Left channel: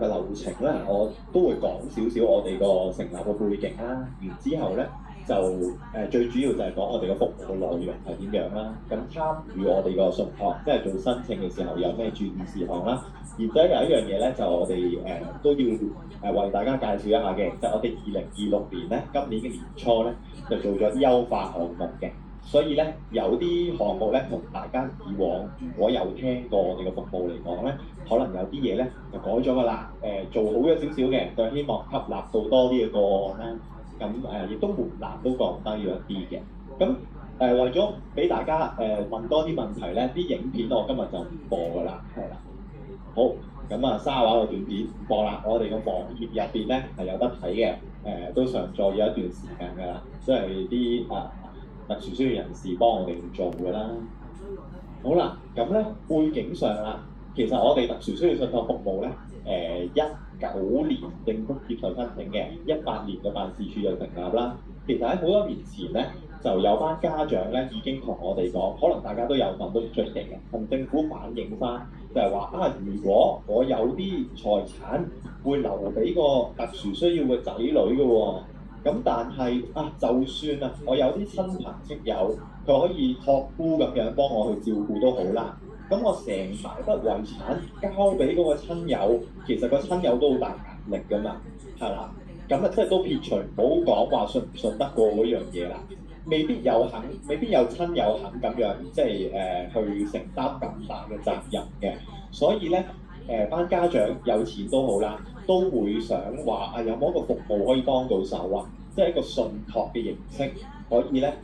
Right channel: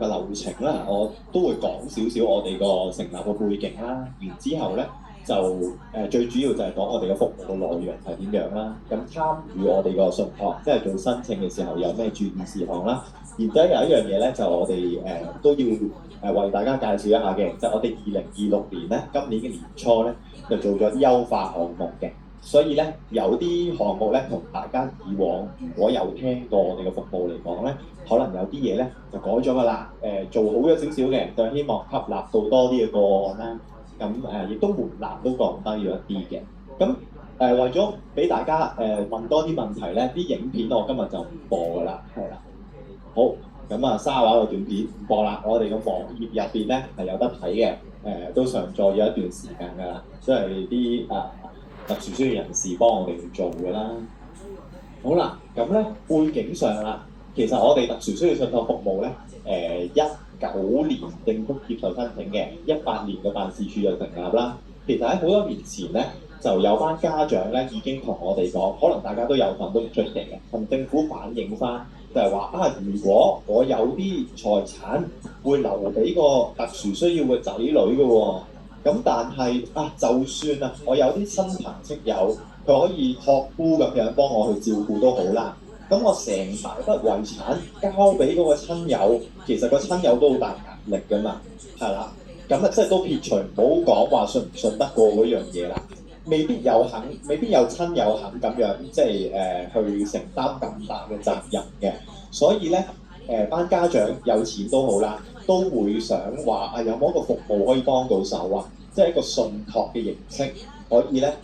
個流程咧，我都會講少少我哋個成立嘅背景啦。然之後咧就最主要就係講我哋嘅服務嘅內容係點樣啦。咁參與我哋個信託，即係做申請嘅時候有咩注意事項啦。然之後有一樣嘢咧，就我哋都要為大家介紹一下嘅，就係我哋2026年咧，今年嘅年初咧就做咗啲優化項目嘅。所以咧，有啲項目咧，同大家以往如果有聽過我哋嘅服務嚟講咧，可能有啲嘢咧就改咗㗎啦。做好咗少少嘅，就希望吸納到多啲嘅個案啦。咁亦都門檻都降低咗一啲嘅。咁為咗俾大家問多啲問題咧，啲影片我今日就唔播㗎啦，係啦。好，咁啊，沙畫個短片唔播啦。我哋個網頁入邊咧係有得睇嘅，都上載咗一段時間㗎啦，即係啲特殊需要人士幫我哋做嘅啦。好啦，咁咧背景上啦，其實我哋特殊需要信託服務咧，19年政府接受申請嘅，18年個辦事處就成立啦。其實喺好多年前咧，就有班家長咧已經同我哋講，可能大家都有份都出嚟嘅，同政府反映翻，就係話啊，如果我有啲財產會留俾個特殊需要嘅仔女嘅喎。咁但係啊，就算啊，我有啲親朋戚友，佢可以託孤咁樣幫我去照顧都好啦。咁我成大筆遺產交俾嗰個親友，其實個親友都好大壓力㗎嘛，係啦。咁啊，即係都撇除唔好講話信唔信得過嗰樣嘢啦。未必有親友肯咁樣，即係去承擔咁大嘅責任嘅。所以咧，班家長有錢都好啦，都會想話啊，有冇一個服務可以幫到手啊？即係一個信託嘅形式，可以咧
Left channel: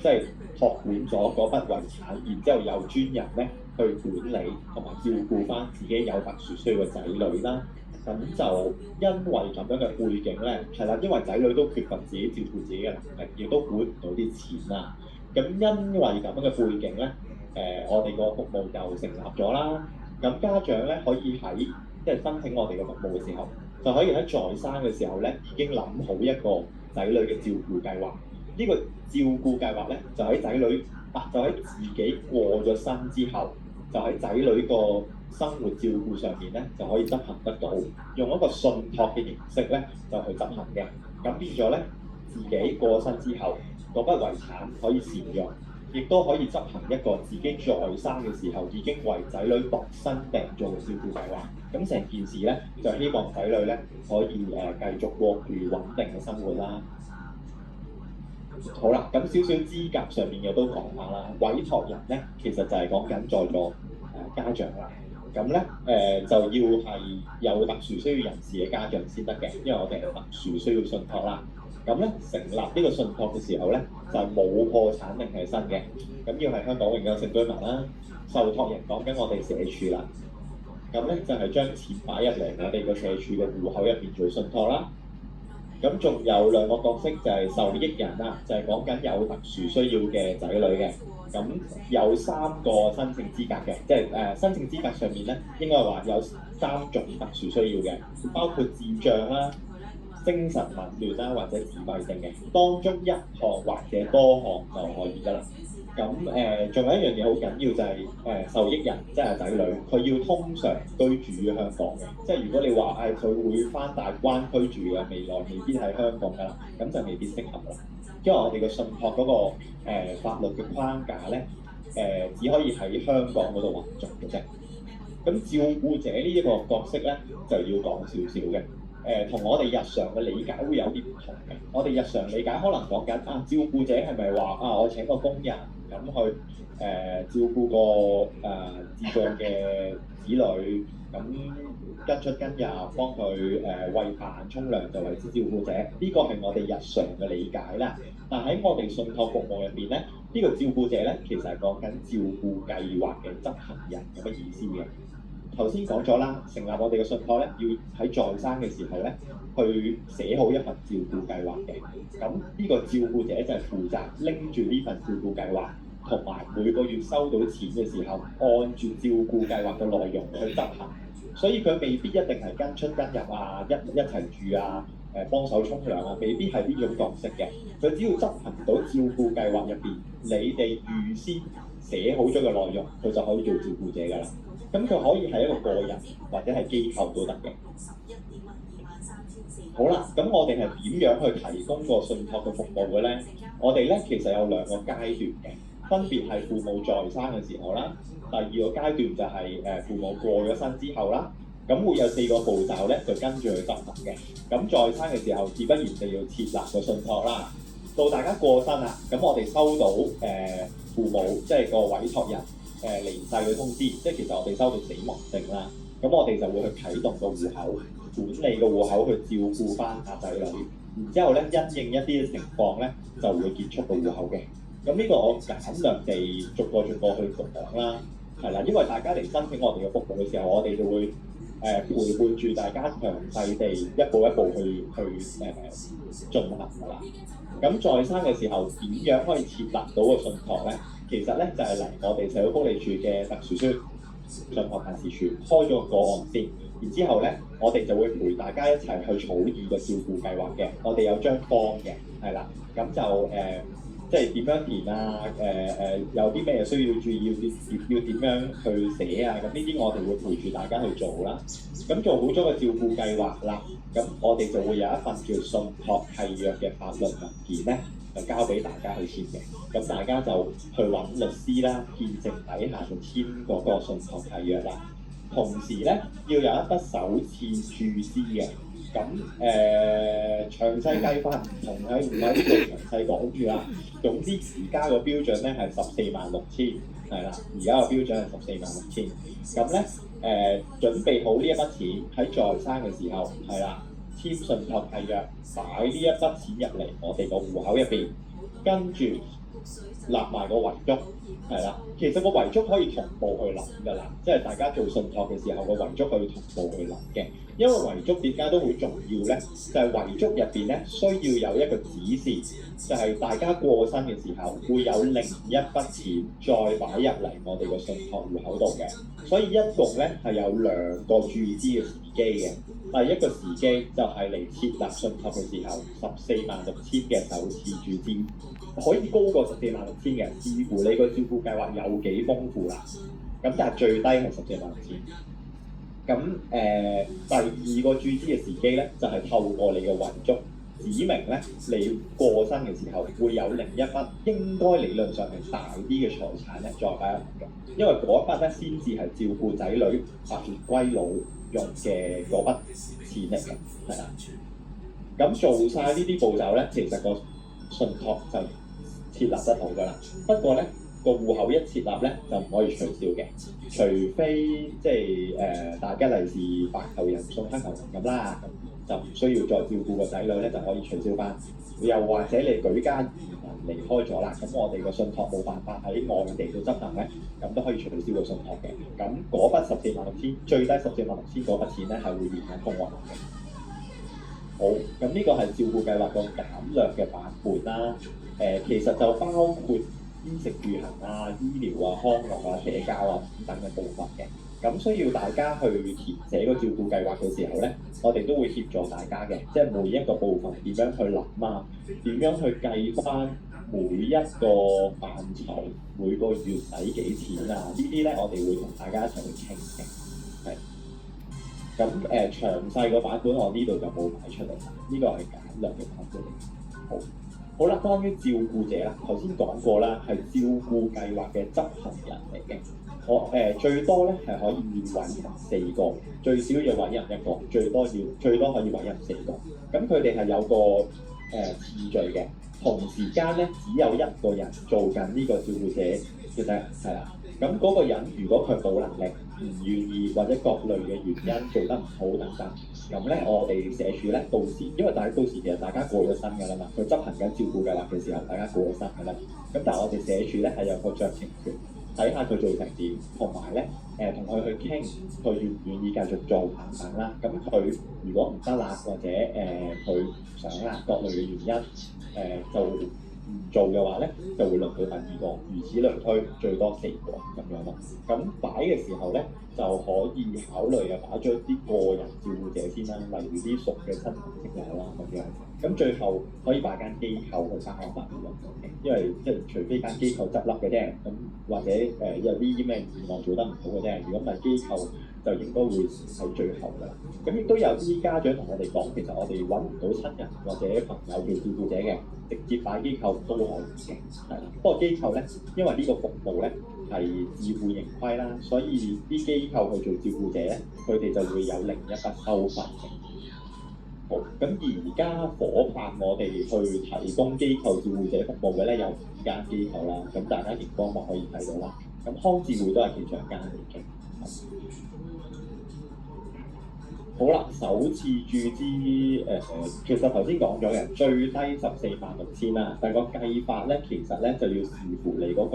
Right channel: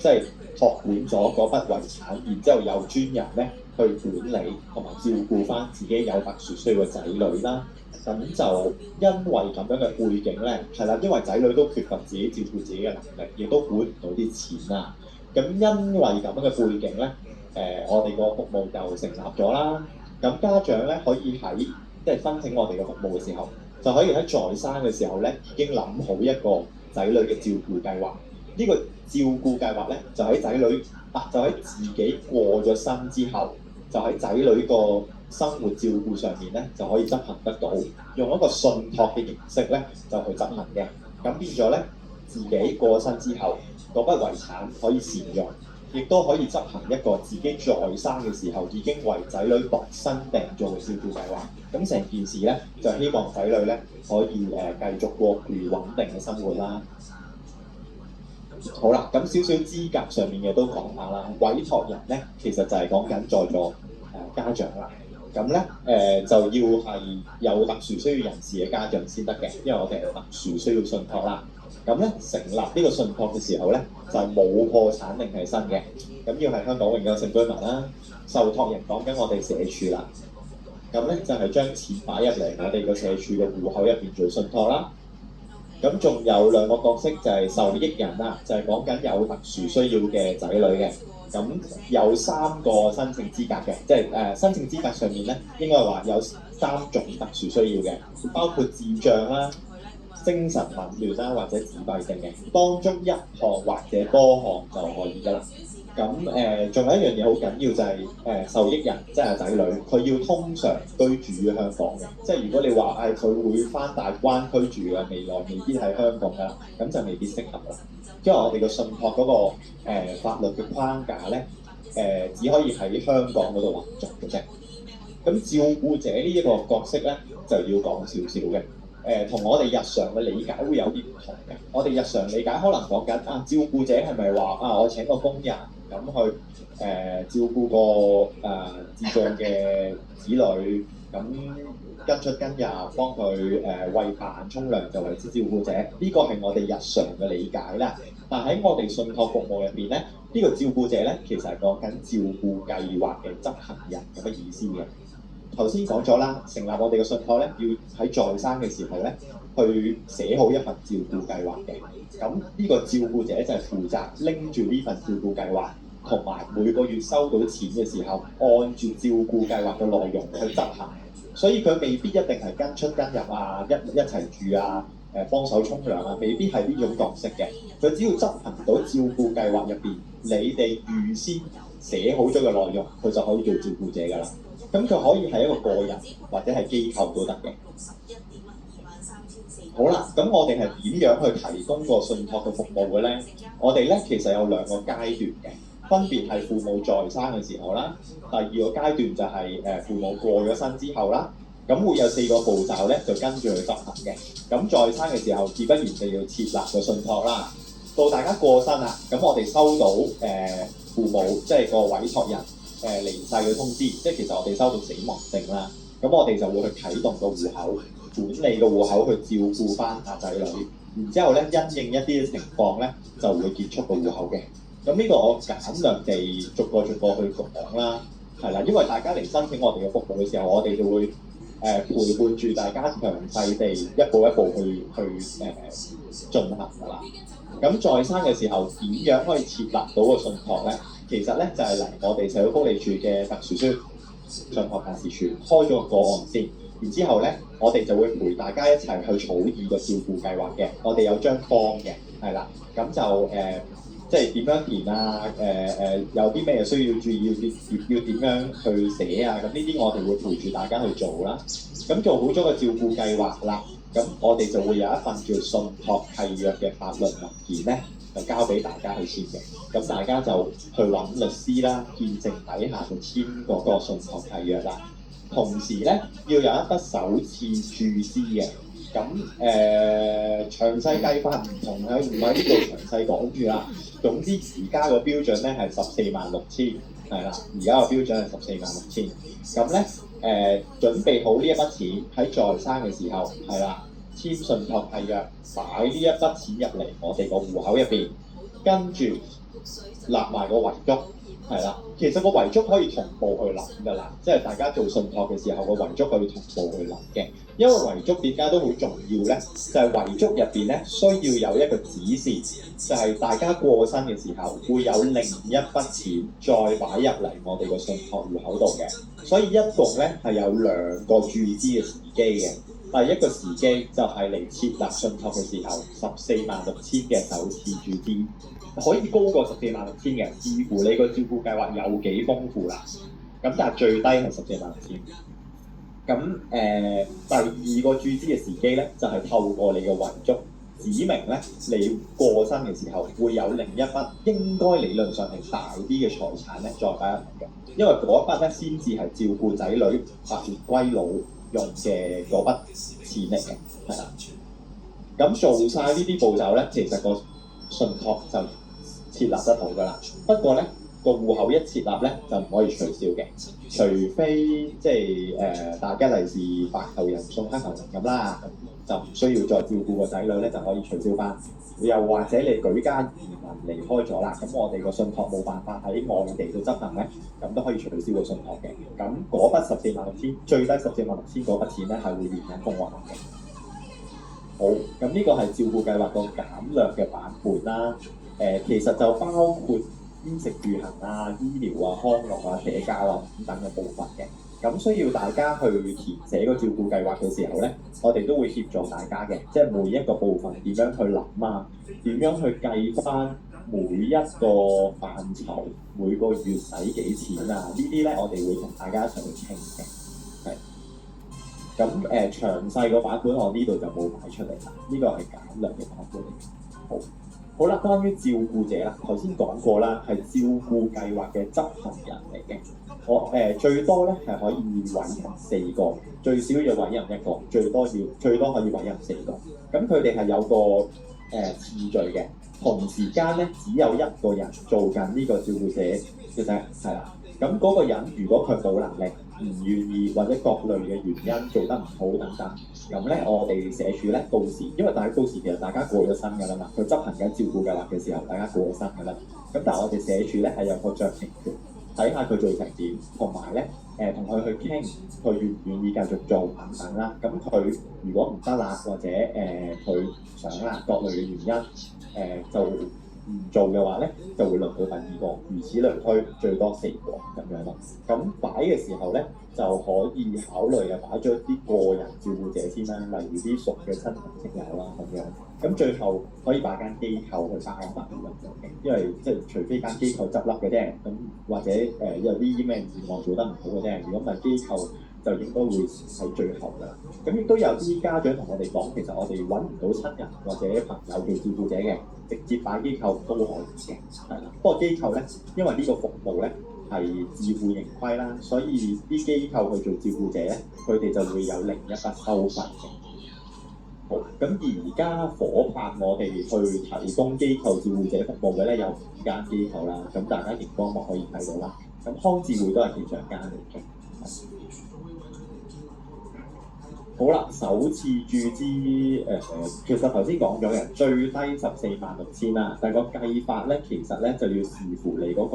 即係託管咗嗰筆遺產，然之後有專人咧去管理同埋照顧翻自己有特殊需要嘅仔女啦。咁就因為咁樣嘅背景咧，係啦，因為仔女都缺乏自己照顧自己嘅能力，亦都管唔到啲錢啦。咁因為咁樣嘅背景咧，我哋個服務就成立咗啦。咁家長咧可以喺即係申請我哋嘅服務嘅時候，就可以喺在生嘅時候咧已經諗好一個仔女嘅照顧計劃。呢個照顧計劃咧就喺仔女就喺自己過咗身之後，就喺仔女個生活照顧上面咧就可以執行得到，用一個信託嘅形式咧就去執行嘅。咁變咗咧，自己過身之後，嗰筆遺產可以善用，亦都可以執行一個自己在生嘅時候已經為仔女度身訂做嘅照顧計劃。咁成件事咧就希望仔女咧可以繼續過住穩定嘅生活啦。好啦，咁少少資格上面嘅都講下啦。委託人咧其實就係講緊在座家長啦。咁咧就要係有特殊需要人士嘅家長先得嘅，因為我哋係特殊需要信託啦。咁咧成立呢個信託嘅時候咧，就係冇破產令係新嘅，咁要係香港永久性居民啦。受託人講緊我哋社署啦。咁咧就係將錢擺入嚟我哋個社署嘅戶口入邊做信託啦。咁仲有兩個角色就係受益人啦，就係講緊有特殊需要嘅仔女嘅。咁有3個申請資格嘅，即係申請資格上面咧應該話有3種特殊需要嘅，包括智障啦、精神紊亂啦或者自閉症嘅，當中1項或者多項就可以㗎啦。咁仲有一樣嘢好緊要就係受益人，即係仔女，佢要通常居住於香港嘅。即係如果你話佢會翻大灣區住嘅，未來未必喺香港㗎，咁就未必適合啦。因為我哋個信託嗰個法律嘅框架咧，只可以喺香港嗰度運作嘅啫。咁照顧者呢一個角色咧，就要講少少嘅。同我哋日常嘅理解會有啲唔同嘅。我哋日常理解可能講緊照顧者係咪話我請個工人咁去照顧個智障嘅子女，咁跟出跟入幫佢餵飯沖涼就為之照顧者，呢個係我哋日常嘅理解啦。但喺我哋信託服務入邊咧，呢個照顧者咧其實係講緊照顧計劃嘅執行人咁嘅意思嘅。頭先講咗啦，成立我哋嘅信託咧，要喺在生嘅時候咧，去寫好一份照顧計劃嘅。咁呢個照顧者就係負責拎住呢份照顧計劃，同埋每個月收到錢嘅時候，按住照顧計劃嘅內容去執行。所以佢未必一定係跟出跟入一齊住幫手沖涼未必係呢種角色嘅。佢只要執行到照顧計劃入邊，你哋預先寫好咗嘅內容，佢就可以做照顧者㗎啦。咁佢可以係一個個人或者係機構都得嘅。好啦，咁我哋係點樣去提供個信託嘅服務嘅咧？我哋咧其實有兩個階段嘅，分別係父母在生嘅時候啦，第二個階段就係父母過咗身之後啦。咁會有4個步驟咧，就跟住去執行嘅。咁在生嘅時候，自不然就要設立個信託啦。到大家過身啦，咁我哋收到父母即係個委託人離世嘅通知，即係其實我哋收到死亡證啦。咁我哋就會去啟動個戶口，管理個戶口去照顧翻阿仔女。然之後咧，因應一啲情況咧，就會結束個戶口嘅。咁呢個我簡略地逐個去講啦，係啦，因為大家嚟申請我哋嘅服務嘅時候，我哋就會陪伴住大家詳細地一步一步去進行㗎啦。咁在生嘅時候點樣可以設立到個信託咧？其實咧就係嚟我哋社會福利署嘅特殊宣信託辦事處開咗個案先，然之後咧我哋就會陪大家一齊去草擬個照顧計劃嘅。我哋有張 form 嘅，係啦，咁就即係點樣填啊？有啲咩需要注意，要點樣去寫啊？咁呢啲我哋會陪住大家去做啦。咁做好咗個照顧計劃啦，咁我哋就會有一份叫信託契約嘅法律文件咧，就交俾大家去簽嘅。咁大家就去揾律師啦，見證底下就簽嗰個信託契約啦。同時咧要有一筆首次注資嘅。咁詳細計法唔同喺唔喺呢度詳細講住啦。總之而家個標準咧係146000，係啦，而家個標準係146000。咁咧準備好呢一筆錢喺在生嘅時候，係啦，簽信託契約，擺呢一筆錢入嚟我哋個戶口入邊，跟住立埋個遺囑，係啦。其實個遺囑可以同步去諗㗎啦，即係大家做信託嘅時候，個遺囑可以同步去諗嘅。因為遺囑點解都好重要咧？就係遺囑入邊咧需要有一個指示，就係大家過身嘅時候會有另一筆錢再擺入嚟我哋個信託戶口度嘅。所以一共咧係有2個注資嘅時機嘅。第一個時機就係嚟設立信託嘅時候，146000嘅首次注資，可以高過146000嘅，視乎你個照顧計劃有幾豐富啦。咁但係最低係146000。咁第二個注資嘅時機咧，就係透過你嘅遺囑指明咧，你過身嘅時候會有另一筆應該理論上係大啲嘅財產咧，再擺入嚟嘅。因為嗰一筆咧先至係照顧仔女特別歸老用嘅嗰筆錢嚟嘅，係啦。咁做晒呢啲步驟咧，其實個信託就設立得到㗎啦。不過咧，個戶口一設立咧就唔可以取消嘅，除非即係大吉利是白頭人送黑頭人咁啦，就唔需要再照顧個仔女咧，就可以取消翻。又或者你舉家移民離開咗啦，咁我哋個信託冇辦法喺外地度執行咧，咁都可以取消個信託嘅。咁嗰筆146000最低146000嗰筆錢咧係會連緊公屋嘅。好，咁呢個係照顧計劃個簡略嘅版本啦。其實就包括衣食住行啊、醫療啊、康樂啊、社交啊等等嘅部分嘅。咁需要大家去填寫個照顧計劃嘅時候咧，我哋都會協助大家嘅，即係每一個部分點樣去諗啊，點樣去計翻每一個範疇每個月使幾錢啊？呢啲咧我哋會同大家一齊去傾嘅。係。咁詳細個版本我呢度就冇擺出嚟啦，呢個係簡略嘅版本嚟。好啦，關於照顧者啦，頭先講過啦，係照顧計劃嘅執行人嚟嘅。我最多咧係可以委任4個，最少要委任1個，最多可以委任4個。咁佢哋係有個次序嘅，同時間咧只有1個人做緊呢個照顧者嘅啫，係啦。咁嗰個人如果佢冇能力、唔願意或者各類嘅原因做得唔好等等，咁咧我哋社署咧到時，因為到時其實大家過咗身㗎啦嘛，佢執行緊照顧計劃嘅時候，大家過咗身㗎啦。咁但係我哋社署咧係有個酌情權，睇下佢做成點，同埋咧同佢去傾，佢願唔願意繼續做等等啦。咁佢如果唔得啦，或者佢唔想啦，各類嘅原因就唔做嘅話咧，就會輪到第2個，如此類推，最多4個咁樣咯。咁擺嘅時候咧，就可以考慮啊擺咗啲個人照顧者先啦，例如啲熟嘅親朋戚友啦咁樣。咁最後可以擺間機構去參與因為即係除非間機構執笠嘅啫，咁或者有啲咩願望做得唔好嘅啫，如果唔係機構就應該會喺最後啦。咁亦都有啲家長同我哋講，其實我哋揾唔到親人或者朋友做照顧者嘅，直接擺機構都可以嘅，係啦。不過機構咧，因為呢個服務咧係自負盈虧啦，所以啲機構去做照顧者咧，佢哋就會有另一筆收費嘅。好，咁而家夥伴我哋去提供機構照顧者服務嘅咧有5間機構啦，咁大家熒光幕可以睇到啦。咁康智會都係其中一間嚟嘅。好啦，首次注資其實頭先講咗嘅最低146000啦，但係個計法咧其實咧就要視乎你嗰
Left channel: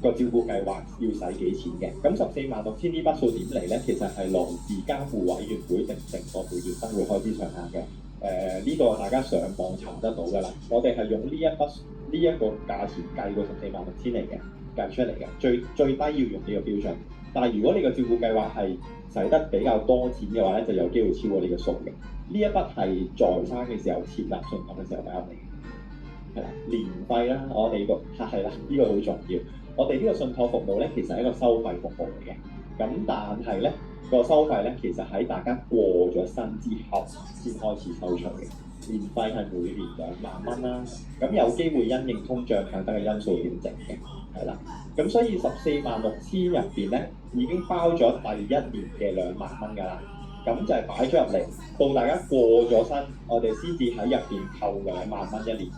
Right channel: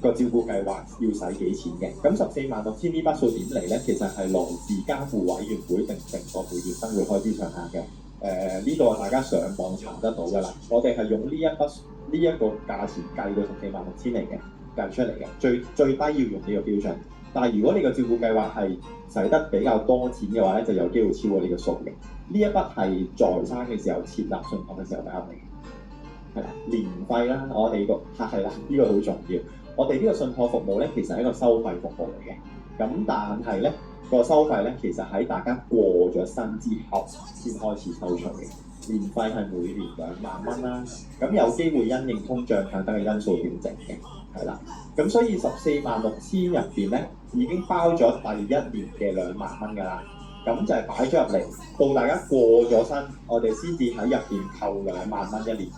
個照顧計劃要使幾錢嘅。咁146000呢筆數點嚟咧？其實係來自監護委員會定個每月生活開支上限嘅。呢個大家上網查得到㗎啦。我哋係用呢一個價錢計個146000嚟嘅，計出嚟嘅。最低要用呢個標準。但係如果你個照顧計劃係使得比較多錢嘅話咧，就有機會超過呢個數嘅。呢一筆係在生嘅時候設立信託嘅時候交嚟嘅，係啦，年費啦，我哋係啦，呢個好重要。我哋呢個信託服務咧，其實係一個收費服務嚟嘅。咁但係咧個收費咧，其實喺大家過咗身之後先開始收取嘅。年費係每年20000蚊啦。咁有機會因應通脹等等嘅因素調整嘅，係啦。咁所以146000入邊咧，已經包咗第一年嘅20000蚊㗎啦。咁就係擺咗入嚟，到大家過咗身，我哋先至喺入邊扣20000蚊一年。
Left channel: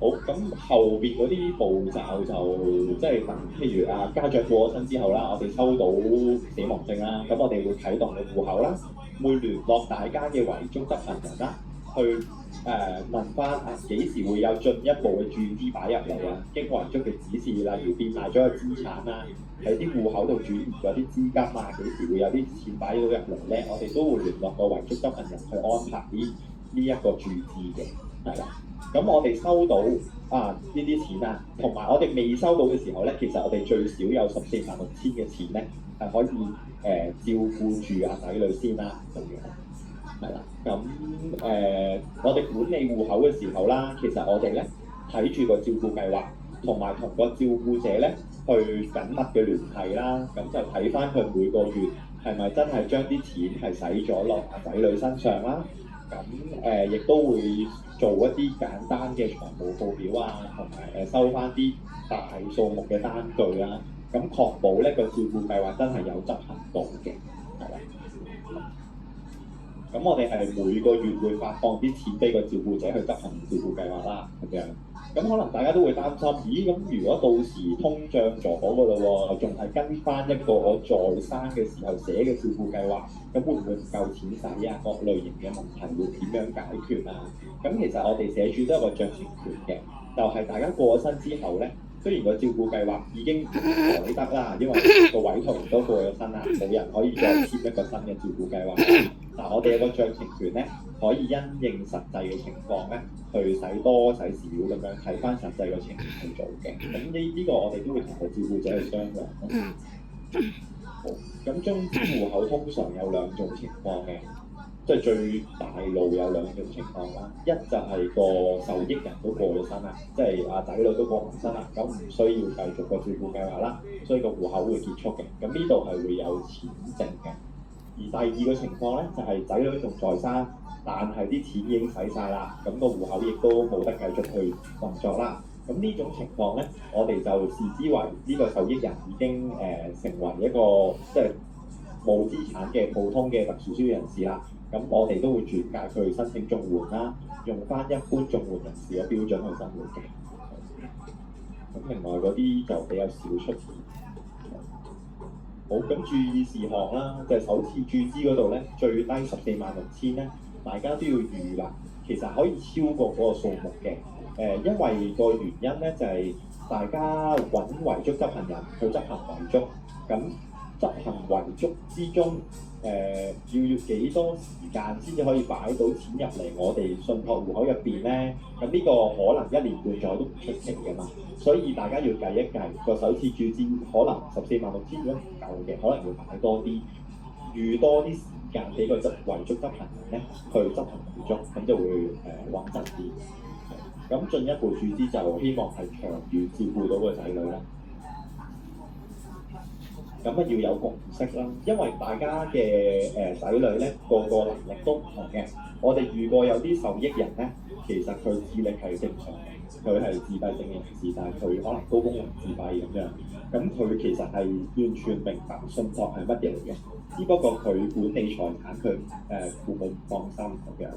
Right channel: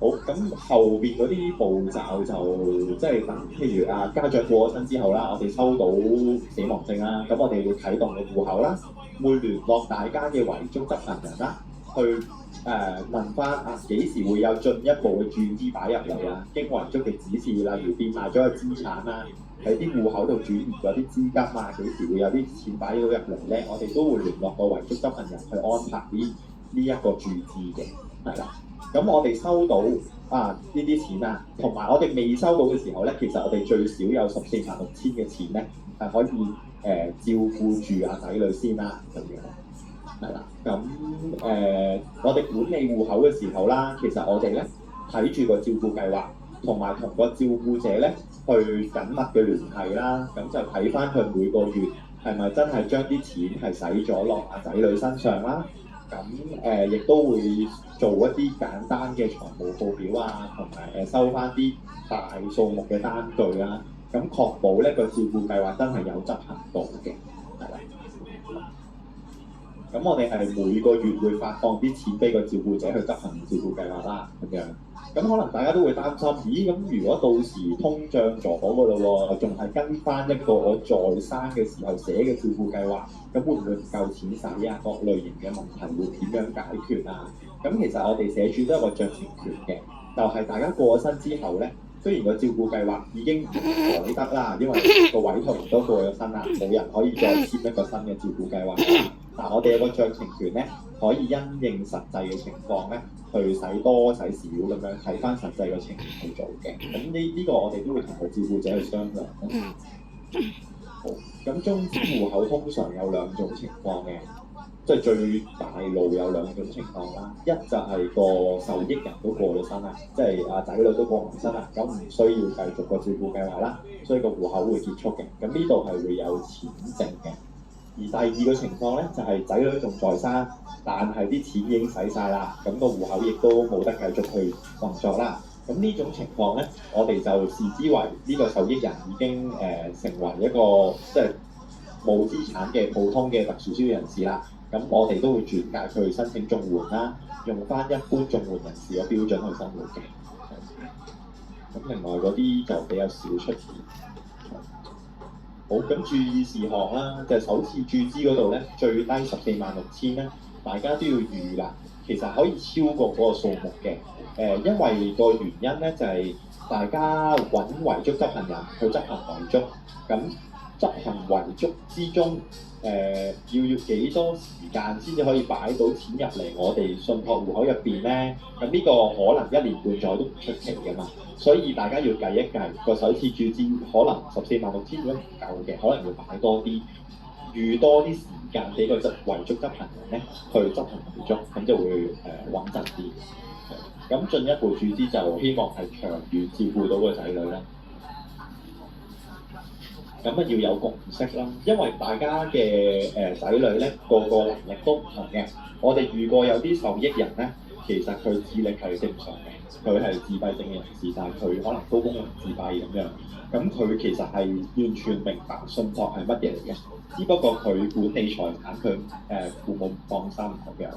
好，咁後邊嗰啲步驟就即係譬如家長過咗身之後啦，我哋收到死亡證啦，咁我哋會啟動個戶口啦，會聯絡大家嘅遺囑執行人啦，去問翻幾時會有進一步嘅注資擺入嚟啊？經遺囑嘅指示，例如變賣咗個資產啦，喺啲戶口度轉移咗啲資金啊，幾時會有啲錢擺到入嚟咧？我哋都會聯絡個遺囑執行人去安排呢一個注資嘅，係啦。咁我哋收到呢啲錢啊，同埋我哋未收到嘅時候咧，其實我哋最少有146000嘅錢咧，係可以照顧住仔女先啦，咁樣係啦。咁我哋管理戶口嘅時候啦，其實我哋咧睇住個照顧計劃，同埋同個照顧者咧去緊密嘅聯繫啦，咁就睇翻佢每個月係咪真係將啲錢係使咗落仔女身上啦。咁亦都會做一啲簡單嘅財務報表啊，同埋收翻啲大數目嘅單據啦。咁確保呢個照顧計劃真係有執行到嘅，係啦。咁我哋係每個月會發放啲錢俾個照顧者去執行照顧計劃啦，咁樣。咁可能大家都會擔心，咦？咁如果到時通脹咗㗎咯喎，仲係跟翻一個我在生嘅時候寫嘅照顧計劃，咁會唔會唔夠錢使啊？各類型嘅問題會點樣解決啊？咁其實我哋社署都有個酌情權嘅，就係大家過咗身之後咧，雖然個照顧計劃已經唔改得啦，因為個委託人都過咗身啦，冇人可以再簽一個新嘅照顧計劃。但我哋有個酌情權咧，可以因應實際嘅情況咧，去使多使少咁樣睇翻實際嘅情況去做嘅。咁呢個我哋都會同個照顧者去商量。好，咁中資戶口通常有2種情況嘅，即係最大路有2種情況啦。一就係個受益人都過咗身啦，即係仔女都過埋身啦，咁唔需要繼續個照顧計劃啦，所以個戶口會結束嘅。咁呢度係會有錢剩嘅。而第二個情況咧，就係仔女仲在生，但係啲錢已經使晒啦，咁個戶口亦都冇得繼續去運作啦。咁呢種情況咧，我哋就視之為呢個受益人已經成為一個即係冇資產嘅普通嘅特殊需要人士啦。咁我哋都會轉介佢去申請綜援啦，用翻一般綜援人士嘅標準去生活嘅。咁另外嗰啲就比較少出現。好，咁注意事項啦，就係首次注資嗰度咧，最低146000咧，大家都要預啦。其實可以超過嗰個數目嘅，因為個原因咧就係大家揾遺囑執行人去執行遺囑，咁執行遺囑之中，要幾多時間先至可以擺到錢入嚟我哋信託戶口入邊咧？咁呢個可能1年半載都唔出奇㗎嘛。所以大家要計一計個首次注資，可能146000如果唔夠嘅，可能要擺多啲，預多啲時間俾個遺囑執行人咧去執行遺囑，咁就會穩陣啲。咁進一步注資就希望係長遠照顧到個仔女啦。咁啊要有共識啦，因為大家嘅仔女咧個能力都唔同嘅。我哋遇過有啲受益人咧，其實佢智力係正常嘅，佢係自閉症嘅人士，但係佢可能高功能自閉咁樣。咁佢其實係完全明白信託係乜嘢嚟嘅，只不過佢管理財產，佢父母唔放心咁樣。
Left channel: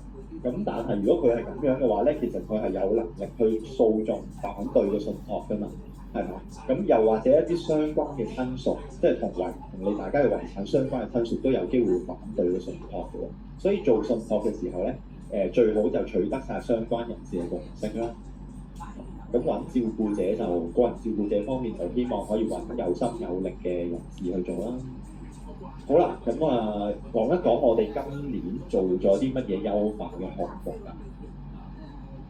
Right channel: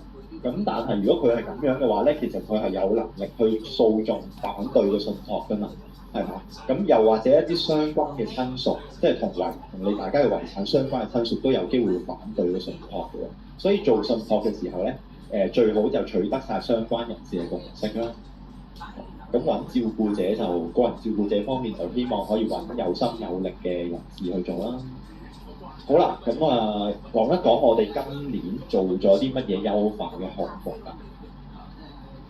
咁但係如果佢係咁樣嘅話咧，其實佢係有能力去訴訟反對個信託㗎嘛。係嘛？咁又或者一啲相關嘅親屬，即係同你大家嘅遺產相關嘅親屬都有機會反對個信託嘅喎。所以做信託嘅時候咧，最好就取得晒相關人士嘅共識啦。咁揾照顧者就個人照顧者方面就希望可以揾有心有力嘅人士去做啦。好啦，咁講一講我哋今年做咗啲乜嘢優化嘅項目啊？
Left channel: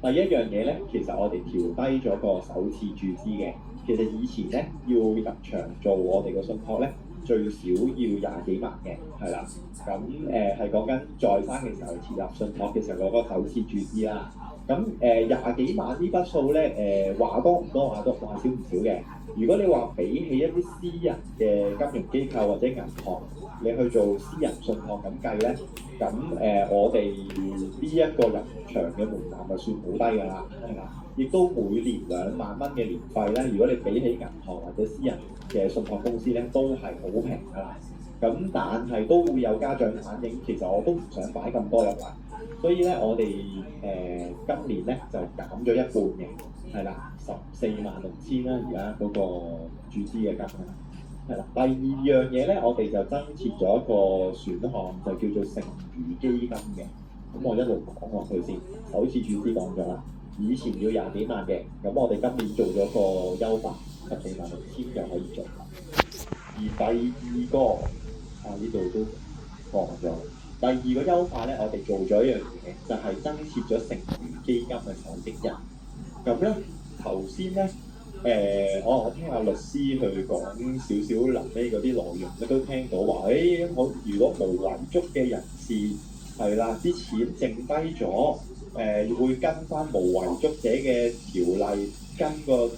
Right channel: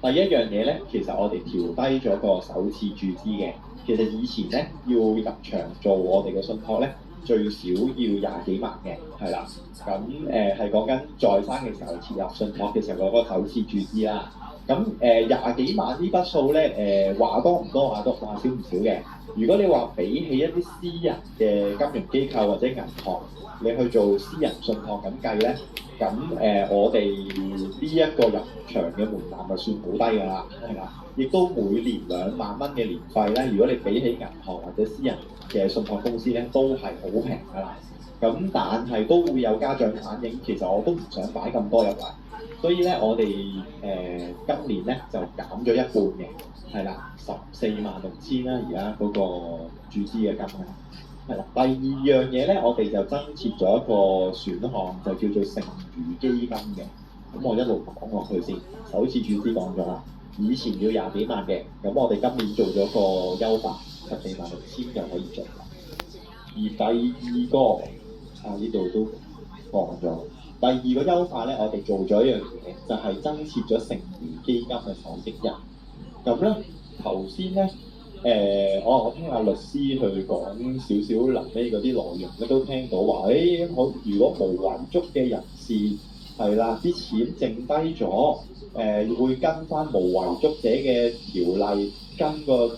第一樣嘢咧，其實我哋調低咗個首次注資嘅。其實以前咧要入場做我哋嘅信託咧，最少要20幾萬嘅，係啦。咁係講緊在生嘅時候設立信託嘅時候嗰個首次注資啦。咁20幾萬呢筆數咧，話多唔多，話少唔少嘅。如果你話比起一啲私人嘅金融機構或者銀行，你去做私人信託咁計咧，咁我哋呢一個入場嘅門檻就算好低㗎啦，係啦。亦都每年2萬蚊嘅年費咧，如果你比起銀行或者私人嘅信託公司咧，都係好平㗎啦。咁但係都會有家長反映，其實我都唔想擺咁多入嚟，所以咧我哋今年咧就減咗一半嘅，係啦，146000啦，而家嗰個注資嘅金額。係啦，第二樣嘢咧，我哋就增設咗一個選項，就叫做剩餘基金嘅。咁我一路講落去先，首次注資講咗啦。以前要20幾萬嘅，咁我哋今年做咗個優化，146000就可以做。而第二個呢度都講咗。第二個優化咧，我哋做咗一樣嘢，就係增設咗剩餘基金嘅受益人。咁咧頭先咧，我聽阿律師去講少少臨尾嗰啲內容咧，都聽到話，我如果無遺囑嘅人士係啦，啲錢剩低咗。會跟翻無遺囑者嘅條例，跟個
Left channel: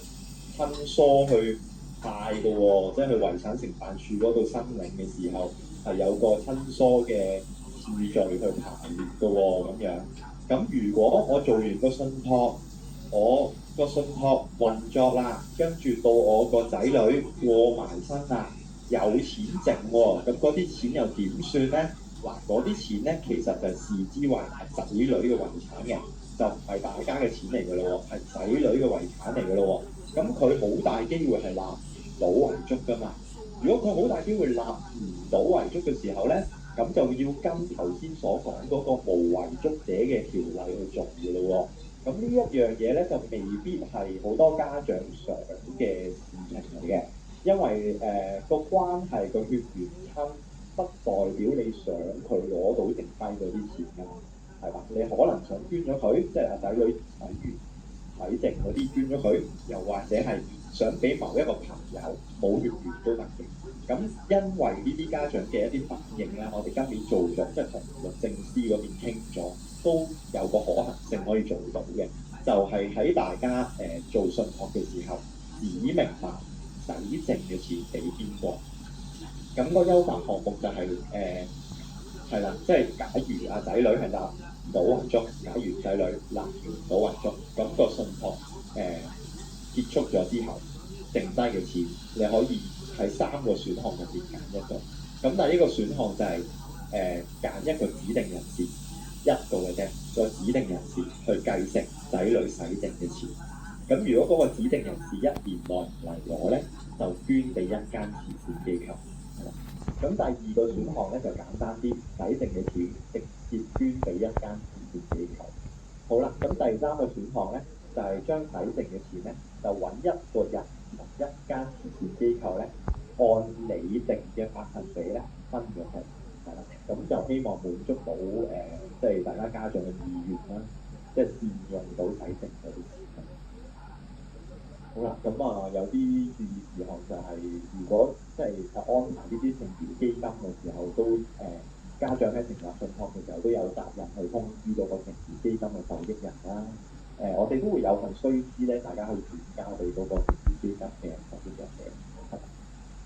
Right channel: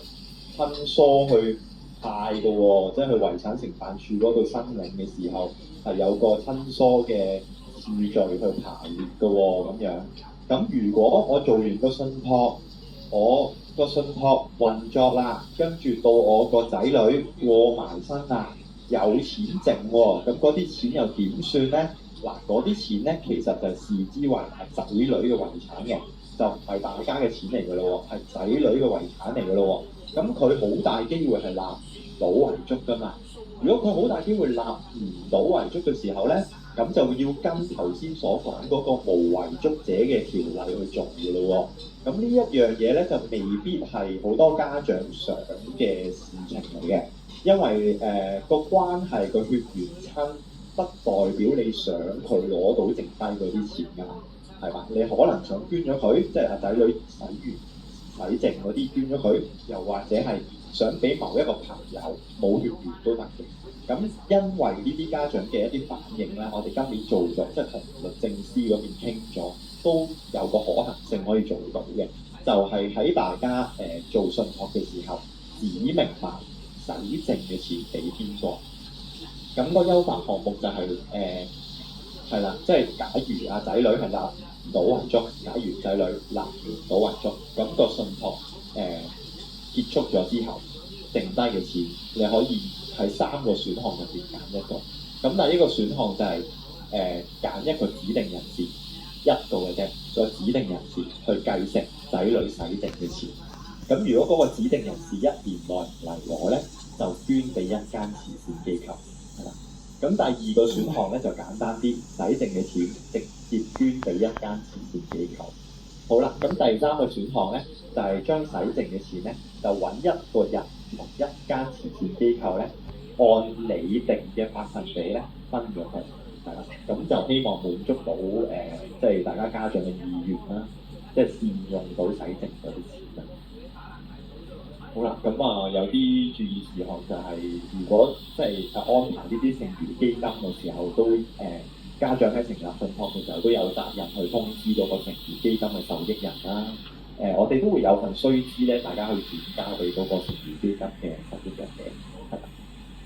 親疏去派嘅喎，即係去遺產承辦處嗰度申領嘅時候，係有個親疏嘅次序去排列嘅喎，咁樣。咁如果我做完個信託，我個信託運作啦，跟住到我個仔女過埋身啦，有錢剩喎，咁嗰啲錢又點算咧？嗱，嗰啲錢咧，其實就視之為係仔女嘅遺產嘅，就唔係大家嘅錢嚟㗎咯喎，係仔女嘅遺產嚟㗎咯喎。咁佢好大機會係立唔到遺囑㗎嘛。如果佢好大機會立唔到遺囑嘅時候咧，咁就要跟頭先所講嗰個無遺囑者嘅條例去做㗎咯喎。咁呢一樣嘢咧，就未必係好多家長想嘅事情嚟嘅，因為個關係個血緣親。不代表你想佢攞到剩低嗰啲錢㗎，係嘛？你可能想捐咗佢，即係阿仔女洗剩嗰啲捐咗佢，又或者係想俾某一個朋友冇血緣都得嘅。咁因為呢啲家長嘅一啲反應咧，我哋今年做咗，即係同律政司嗰邊傾咗，都有個可能性可以做到嘅，就係喺大家做信託嘅時候，指明埋洗剩嘅錢俾邊個。咁個優化項目就係係啦，即係假如仔女係立唔到遺囑，假如仔女立唔到遺囑，咁個信託結束咗之後，剩低嘅錢你可以喺3個選項入邊揀一個。咁但係呢個選項就係揀一個指定人士一個嘅啫，再指定人士去繼承仔女洗剩嘅錢。咁如果嗰個指定人士1年內唔嚟攞咧，就捐俾一間慈善機構。咁第二個選項咧就簡單啲，洗剩嘅錢直接捐俾一間慈善機構。好啦，咁第3個選項咧就係將洗剩嘅錢咧就揾一個人同一間慈善機構咧按你定嘅百分比咧分咗佢，係啦，咁就希望滿足到即係大家家長嘅意願啦，即係善用到洗剩嗰啲錢啦。好啦，咁有啲注意事項就係、如果即係安排呢啲剩餘基金嘅時候，都家長喺成立信託嘅時候都有責任去通知嗰個剩餘基金嘅受益人啦。我哋都會有份須知咧，大家去轉交俾嗰個剩餘基金嘅受益人嘅，係啦。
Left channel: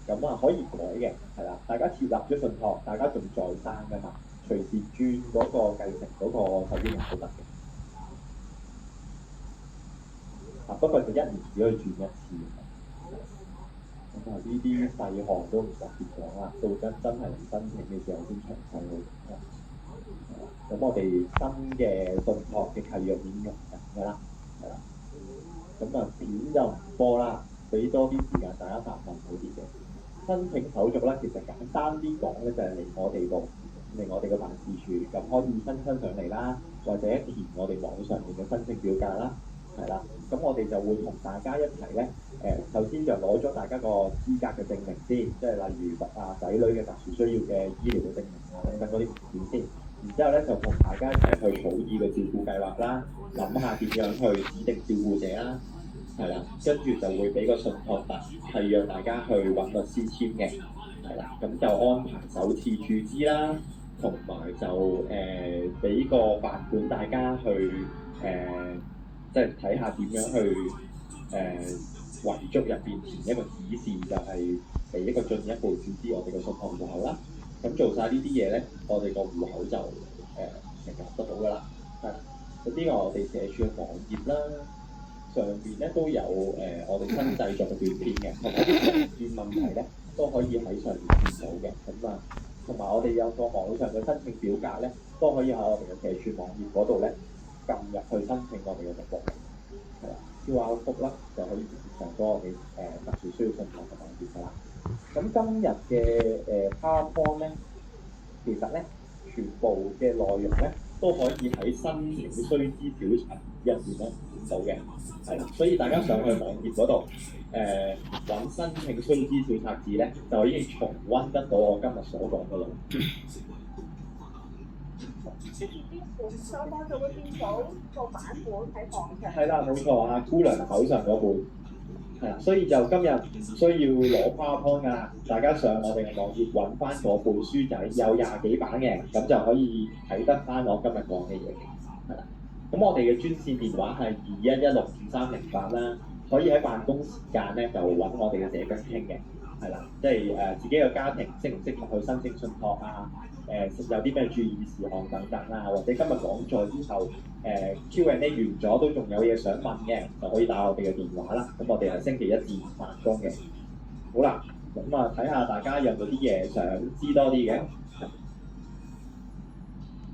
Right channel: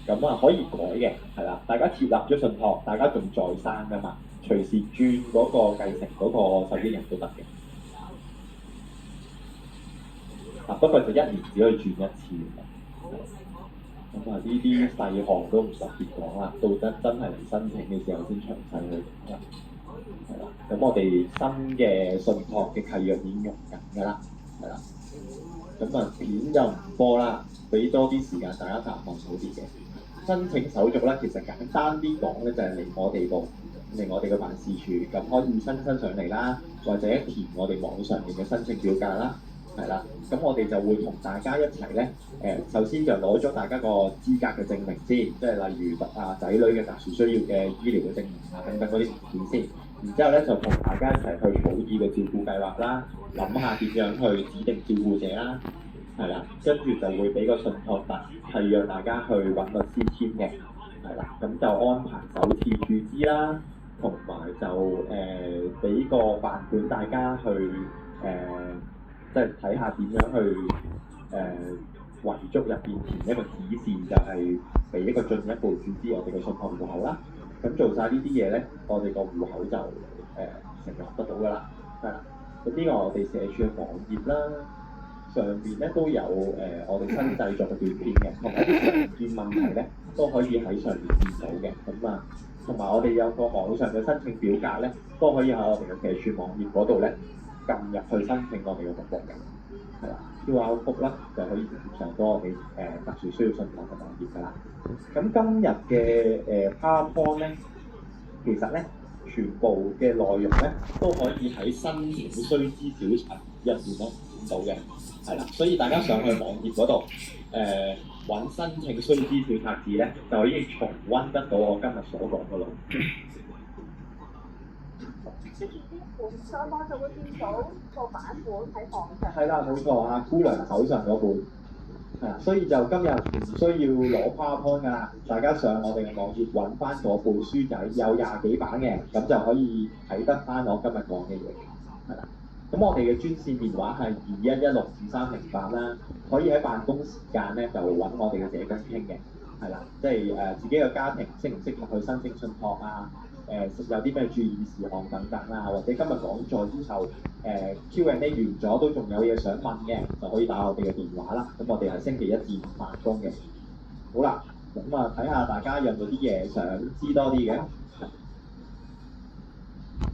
咁可以改嘅，係啦。大家設立咗信託，大家仲在生㗎嘛，隨時轉嗰個繼承嗰個受益人都得嘅。不過就1年只可以轉1次。咁呢啲細項都唔特別講啦，到真係嚟申請嘅時候先詳細去講啦。係啦，咁我哋新嘅信託嘅契約已經用緊㗎啦，係啦。咁片就唔多啦，俾多啲時間大家答問好啲嘅。申請手續咧，其實簡單啲講咧，就係嚟我哋度，嚟我哋嘅辦事處，咁可以親身上嚟啦，或者填我哋網上面嘅申請表格啦。係啦，咁我哋就會同大家一齊咧，首先就攞咗大家個資格嘅證明先，即係例如仔女嘅特殊需要嘅醫療嘅證明等等嗰啲文件先，然之後咧就同大家一齊去草擬個照顧計劃啦，諗下點樣去指定照顧者啦，係啦，跟住就會俾個信託單，係讓大家去揾律師簽嘅，係啦，咁就安排首次注資啦，同埋就俾個範本大家去即係睇下點樣去遺囑入邊填一個指示，就係俾一個進一步注資我哋嘅信託戶口啦。咁做晒呢啲嘢咧，我哋個戶口就成立得到㗎啦。係啦，咁呢個我哋社署嘅網頁啦，上邊咧都有我哋新製作嘅短片嘅，同埋啲常見問題咧都可以喺上面見到嘅。咁同埋我哋有個網上嘅申請表格咧，都可以喺我哋嘅社署網頁嗰度咧撳入去申請我哋嘅服務嘅，係啦，QR code 啦就可以直接上到我哋特殊需要信託嘅網頁㗎啦。咁今日嘅PowerPoint 咧，其實咧全部嘅內容咧都可以喺申請須知小冊入邊咧見到嘅，係啦，所以大家上去網頁嗰度揾申請須知小冊子咧，就可以重溫得到我今日所講嘅內容。上網就會見到個版本喺網上。係啦，冇錯啊，姑娘手上嗰本，所以就今日唔需要攞 PowerPoint 㗎啦，大家上我哋嘅網頁揾翻嗰本書仔，有20幾版嘅，咁就可以睇得翻我今日講嘅嘢。係啦，咁我哋嘅專線電話係21162308啦，可以喺辦公時間咧就揾我哋嘅社工傾嘅，係啦，即係自己嘅家庭適唔適合去申請信託啊？有啲咩注意事項等等啦，或者今日講座之後Q&A 完咗都仲有嘢想問嘅，就可以打我哋嘅電話啦。咁我哋係星期1至5辦公嘅。好啦，咁睇下大家有冇啲嘢想知多啲嘅。